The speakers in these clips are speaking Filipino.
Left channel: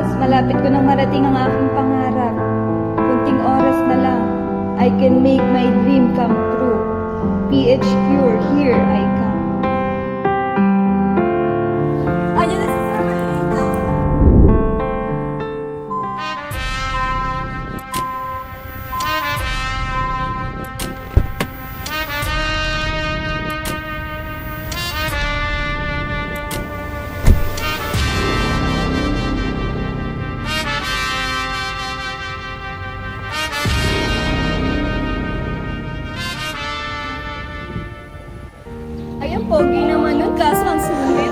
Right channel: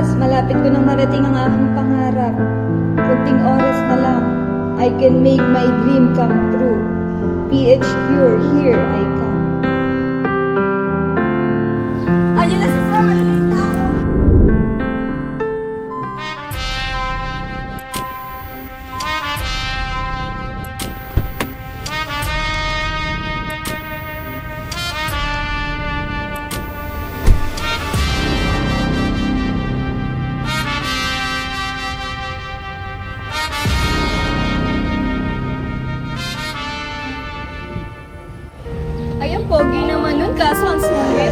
oras, malapit ko nang marating ang aking pangarap. Kunting oras na lang, I can make my dream come true. PH Pure, here I come. Ayun na si Farmalita. Ay, ang pogi naman nun, kaso ang sungit.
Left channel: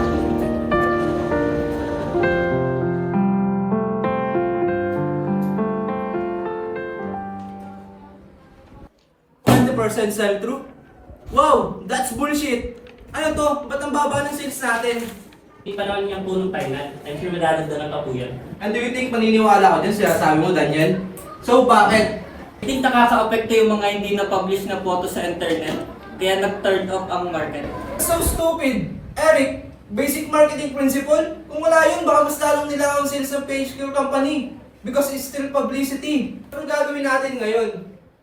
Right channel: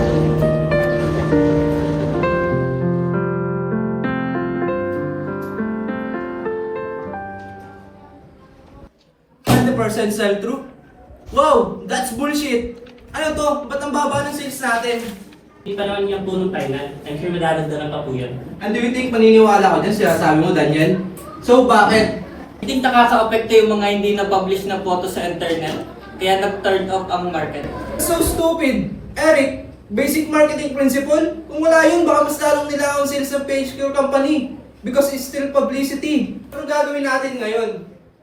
Percent sell-through? Wow! That's bullshit! Ano to? Ba't ang baba ng sales natin? Hindi pa naman yung punong final. I'm sure madadagdagan pa po yan. And do you think paniniwala ko dyan sinasabi mo, Daniel? So, bakit? Hindi nakaka-apekto yung mga hindi na-publish na photo sa internet. Kaya nag-turn off ang market. So stupid! Eric, basic marketing principle? Kung wala yun, baka mas lalong nila ang sales ng PHQ company. Because it's still publicity. Anong gagawin natin ngayon?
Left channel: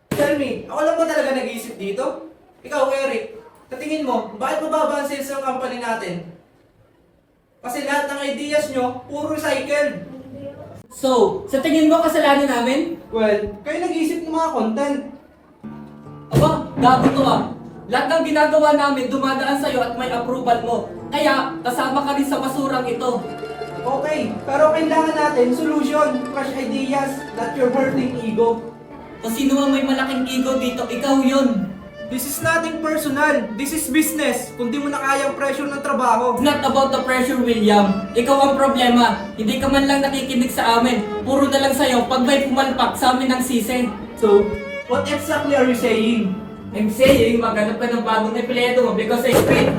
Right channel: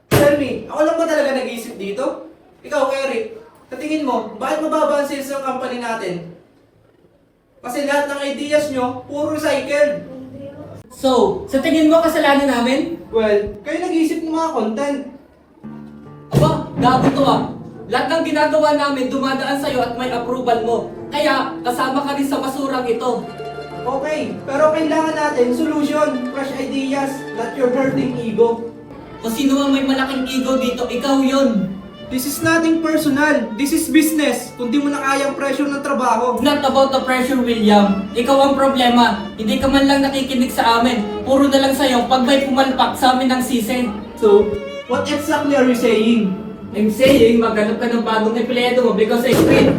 Tell me, ako lang ba talaga nag-iisip dito? Ikaw, Eric, katingin mo, bakit mababa ang sales ng company natin? Kasi lahat ng ideas nyo, puro recycle. So, sa tingin mo kasalanan namin? Well, kayo nag-iisip ng mga content. Aba, gago to ah. Lahat ng ginagawa namin dumadaan sa'yo at may approval mo. Kaya, kasama ka rin sa basurang ito. Okay, pero kailangan natin solution, fresh ideas, not your hurting ego. Kung sino man may malaking ego dito, ikaw yun. This is nothing personal. This is business. Kung di mo na kayang pressure ng trabaho. It's not about the pressure, William. Ikaw ang problema. Hindi ka man lang nakikinig sa amin. Puro na lang sa'yo pag may pumalpak sa amin ng season. So, what exactly are you saying? I'm saying, maghanap ka ng bagong empleyado mo because I quit.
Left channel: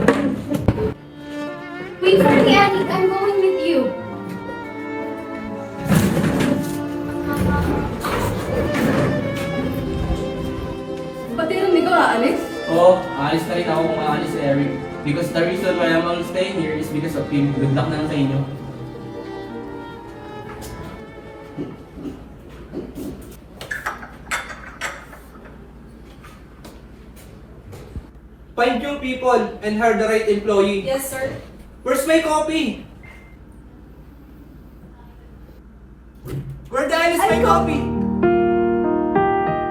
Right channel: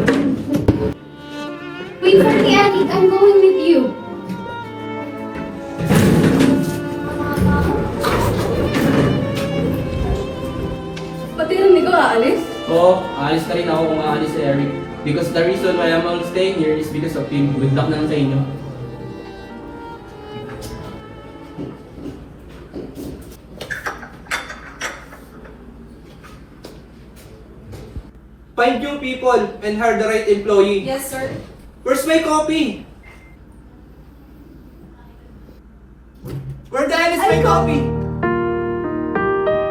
Wait for me, Annie. I'm going with you. Pati nang ikaw aalis? Oo, aalis na rin ako kung aalis si Eric. Because the reason why I'm only staying here is because of him. Good luck na lang sa inyo. Find new people and hire the right employee. Yes, sir. Where's my copy? Where the hell is my copy?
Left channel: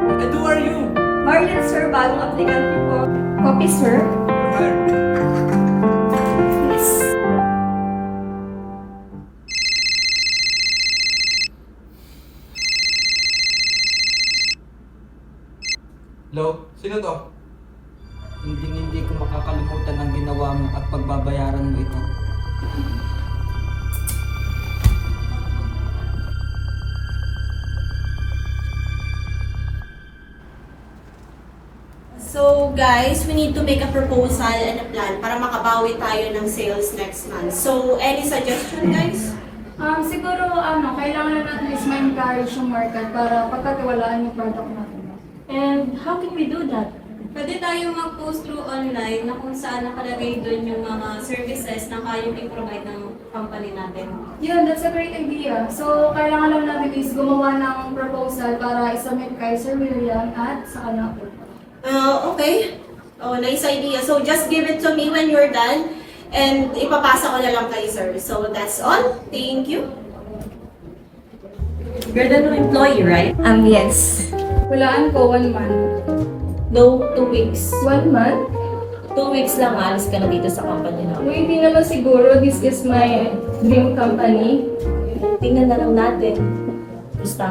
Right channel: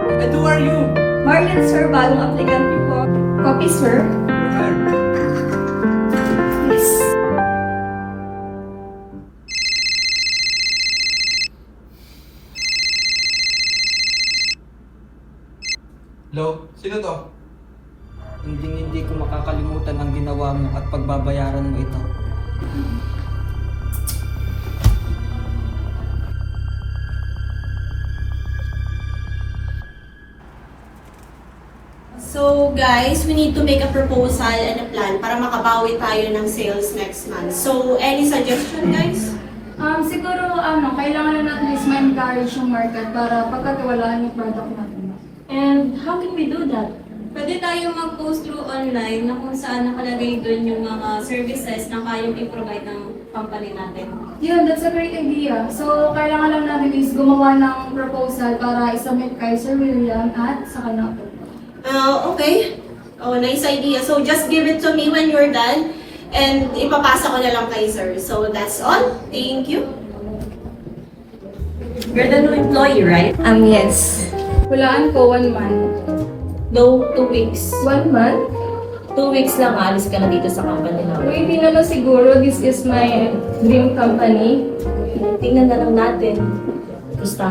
And who are you? Marlon, sir, bagong aplikante po. Copy, sir. Yes. Hello? Sino to? Hindi ko makakalimutan ang ginawa mo at pagbabayaran mo ito. So guys, we need to make a proposal and a plan para makabawi tayo ng sales next month. So any suggestion guys? Siguro, kailangan na natin is ma-encourage yung market para pagkatiwalaan yung product natin. And how can we do that? Pwede tayong mag-post through online na kung saan nakalagay doon yung mga services na kayang i-provide ng company natin. Yun, that's a great idea. So, kailangan lang natin is gumawa ng proposal para isubmit kay Sir William at sa kanya po. Okay. Oh, nice idea. So just give it to me when you're done and ipapasa ko na lang kay sir. So that's all. Thank you. You're the new employee, right? Yes. Walaan ko 1 month. No, 2 weeks. 1 month? 2 weeks lang alis ka na dito sa company No, namin. hindi naman siguro. This is my dream company. Tingnan na lang natin. Gusto.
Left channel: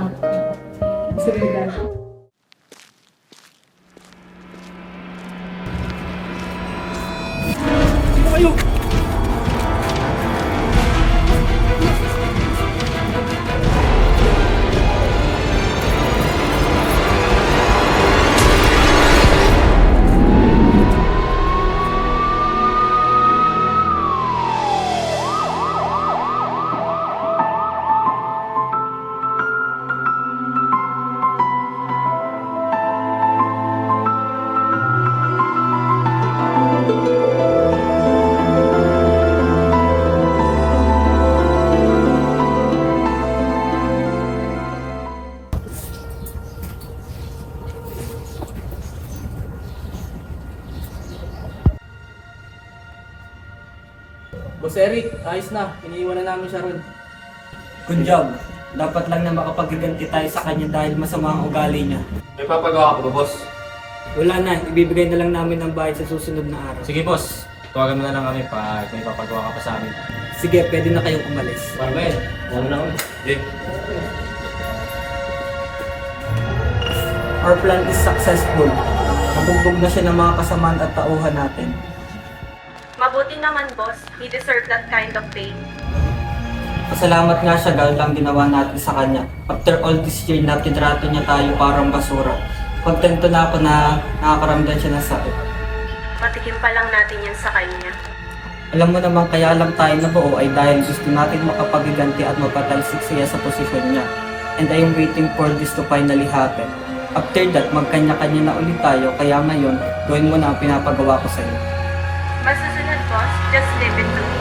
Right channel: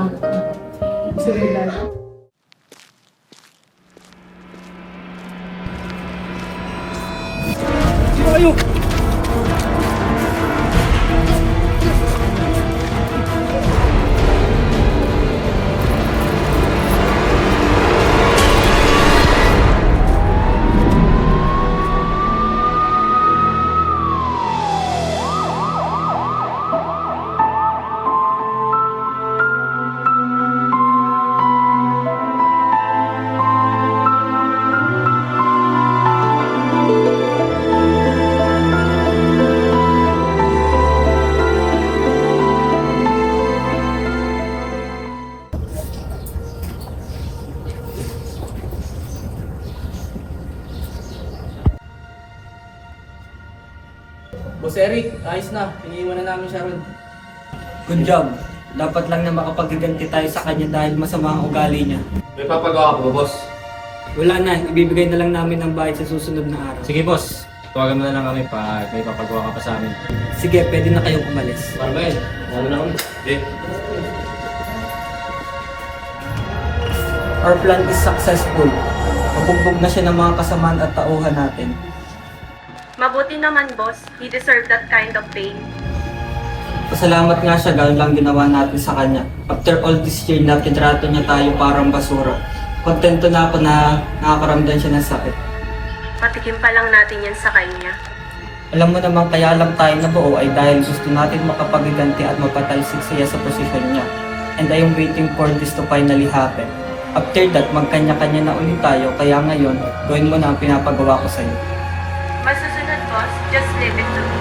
Sige lang. Boss Eric, ayos na. Iniiwan na namin siya ron. Good job. Dapat lang na makapagiganti tayo sa kanya dahil masama ang ugali niya. May papagawa ko ba, boss? Wala na, ibibigay na lang namin ang bayad sa susunod na araw. Sige, boss. Tawagan mo na lang kami pa may papagawa ka pa sa amin. Sige, pwede na kayong umalis. Okay, ano na kami? Eh, Our plan is successful. Mabugbog na siya ng mga kasamaan at tauhan natin. Mabuti naman, boss. We deserve that kind of pay. Pasalamat nga siya dahil lang ginawa natin sa kanya. After all this year na kitrato niya tayo parang basura. Kontento na ako na nakakaramdam siya ng sakit. Patikim pa lang natin yan sa kanya. Alam mo naman kaya lang tayo nabuo ay dahil gusto natin makapagiganti at mapatalsik siya sa posisyon niya. And I am waiting for this to finally happen. After that, magkanya-kanya na ulit tayo kaya ngayon, gawin mo na ang pinapagawa ko sa'yo. Masusunod, boss. Just leave it to me.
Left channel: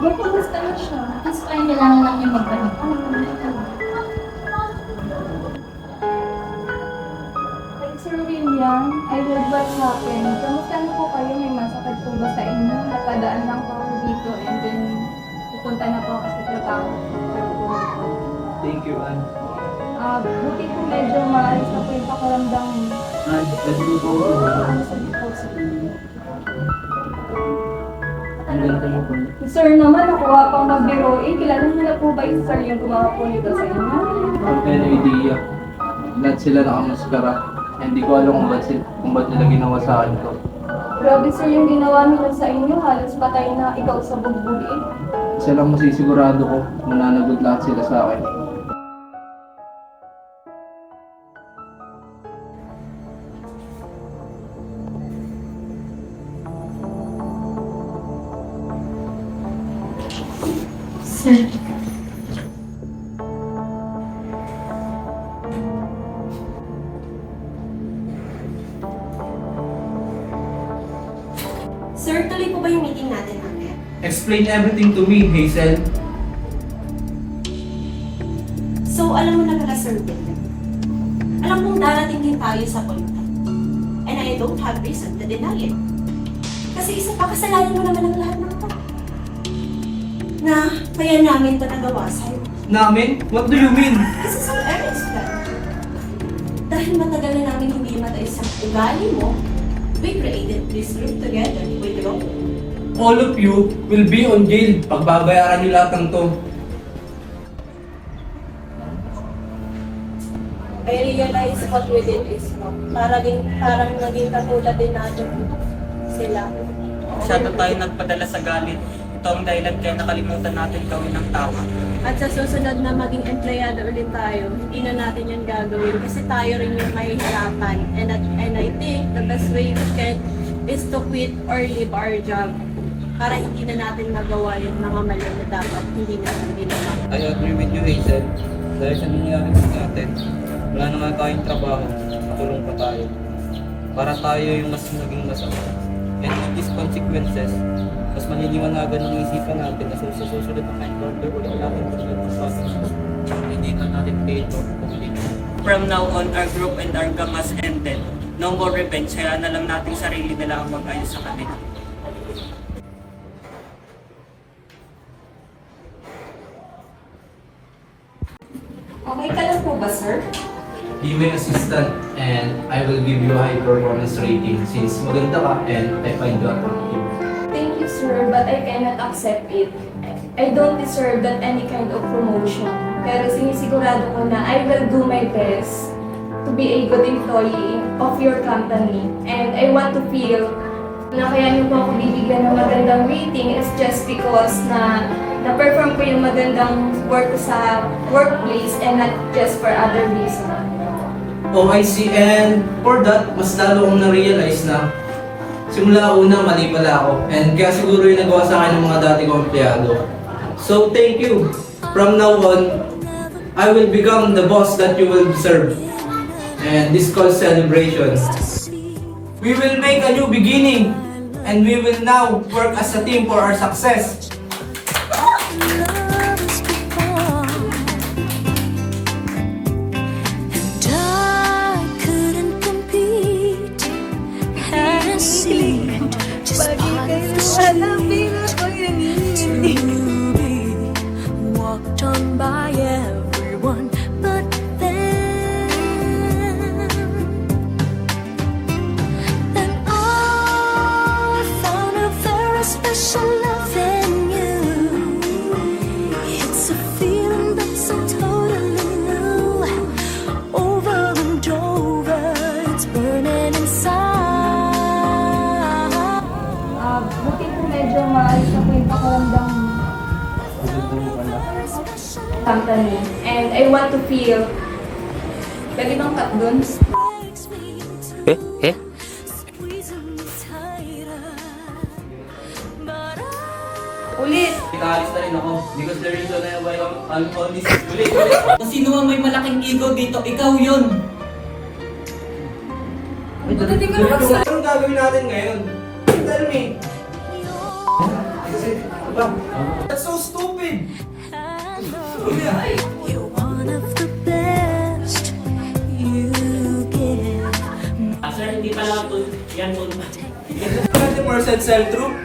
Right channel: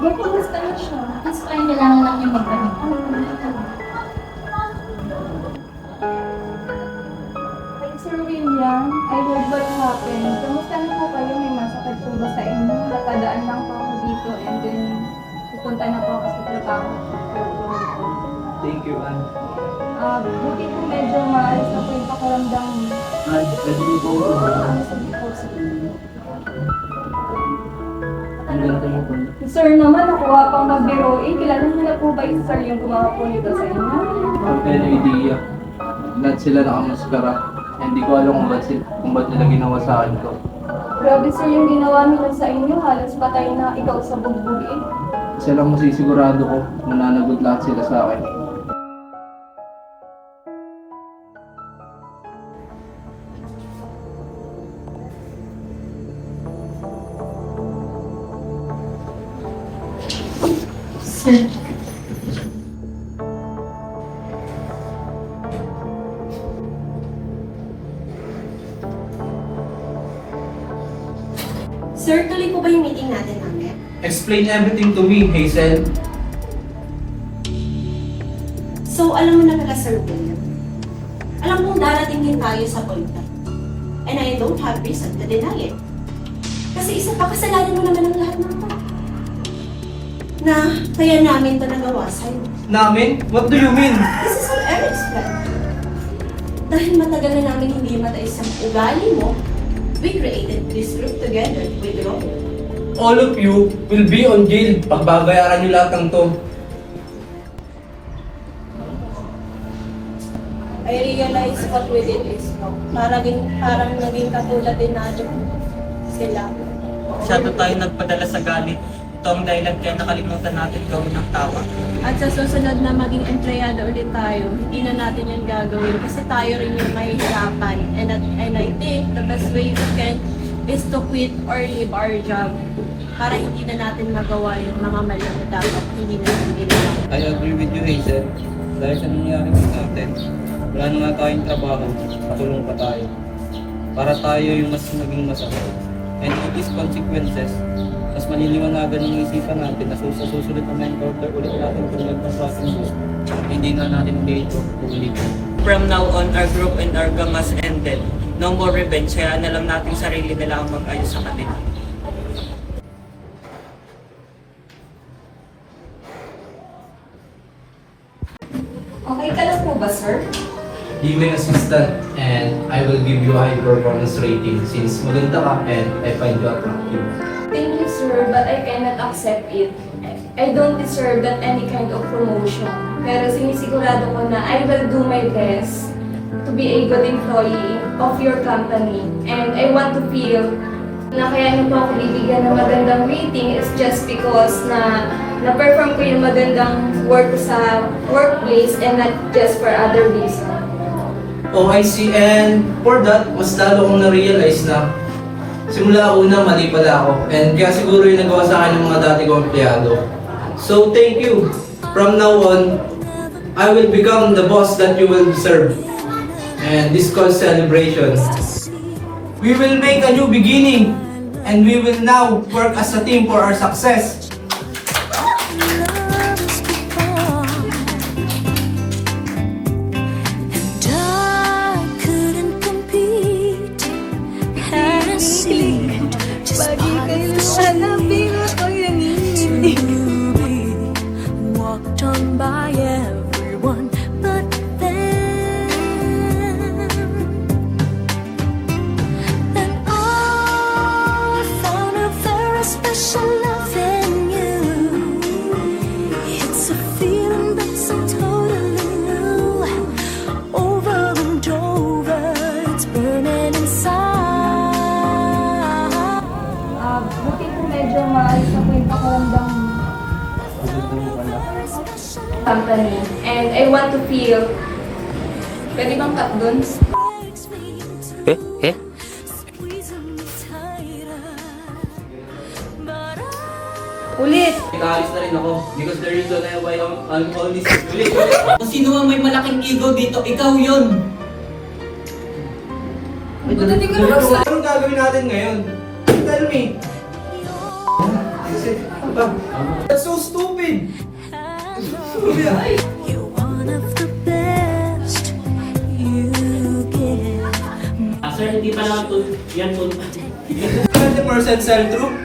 May kumusta na siya? Mas parang kailangan lang niya magbalik. Hey, Sir William, I heard what happened. Kamusta na po kayo? May masakit po ba sa inyo? Nakadaan lang po ako dito and then pupunta na po ako sa trabaho. thank you, Ann. Buti po medyo maalis na po yung pakiramdam mo. Ann, pwede mo po ako. Sige po, sige. Ang ganda mo po. Si Sir naman, nakuha pang magbiro. Kilala niyo na po ba yung Sir yung gumawa po nito sa inyo? Pero idea. Lahat sila nakamaskara. Hindi ko alam kung ba't nila ginawa sa akin to. Grabe Sir yung ginawa nila sa inyo. Halos patay na ikaw sa bugbog eh. Isa lang masisigurado ko, mananagot lahat sila sa akin. Sir. Sir, tuloy po ba yung meeting natin mamaya? Explain everything to me, Hazel. So, alam mo na pala, Sir William. Alam mong darating din tayo sa point na. And I don't have reason to deny it. Kasi isa pa, kasalanan mo naman ang lahat ng ito. Na kaya namin ito nagawa sa'yo. Namin? What do you mean? This is all Eric's plan. Dahil matagal na namin hindi matay sa ugali mo, we created this group together with Rob. All of you will be on jail. Pagbabayaran niyo lahat ng to. I realize what we did is wrong. Parang naging katulad din natin sila. Masyado tayo nagpadala sa galit. Ito ang dahilan kaya nakalimutan natin gawin ang tama. At sa susunod na maging empleyado ulit tayo, hindi na natin yan gagawin kasi tayo rin yung mahihirapan. And I think the best way to get is to quit or leave our job para hindi na natin magawa yung mga mali na dapat hindi natin ginawa. I agree with you, Hazel. Dahil sa nangyari sa atin, wala na nga tayong trabaho, tulong pa tayo. Para tayo yung mas naging masama. And all these consequences, mas maliliwanagan ang isipan natin na sa susunod na encounter ulit natin tulad sa ating hindi na natin dito ulit. From now on, our group and our gamas ended. No more revenge, kaya na lang nating sarili nila ang mag-ayos sa kanila. Okay ka lang po ba, Sir? Even assistant, and I will give you a high performance rating since maganda ka and I find you attractive. accept it. I don't deserve that any kind of promotion. Pero sinisigurado ko na I will do my best to be a good employee of your company. And I want to feel na kaya nyo po ako bibigyan ng magandang rating is just because na-perform ko yung magandang work sa workplace and not just for other reasons. Oh, I see. And for that, mas lalo kong na-realize na simula una, mali pala ako. And kaya siguro yung nagawa sa akin ng mga dati kong empleyado. So, thank you. From now on, I will become the boss that you will deserve. And this calls celebration. We will make a new beginning. And we will now work as a team for our success. By everyone but them, and I found a very special love in you. It's a feeling that's so totally new. Over and over, it's burning inside. Buti po medyo maayos na po yung pakiramdam company. And I want to feel pwede bang cut dun? Ulit! Pinaalis na rin ako because the reason why I'm always Kung sino man may malaking ego dito, ikaw yun. Anong gagawin natin ngayon? Tell me. That's so stupid. You're one of the best you give. Sir, hindi pa naman to. Yan po. 100% sell-through.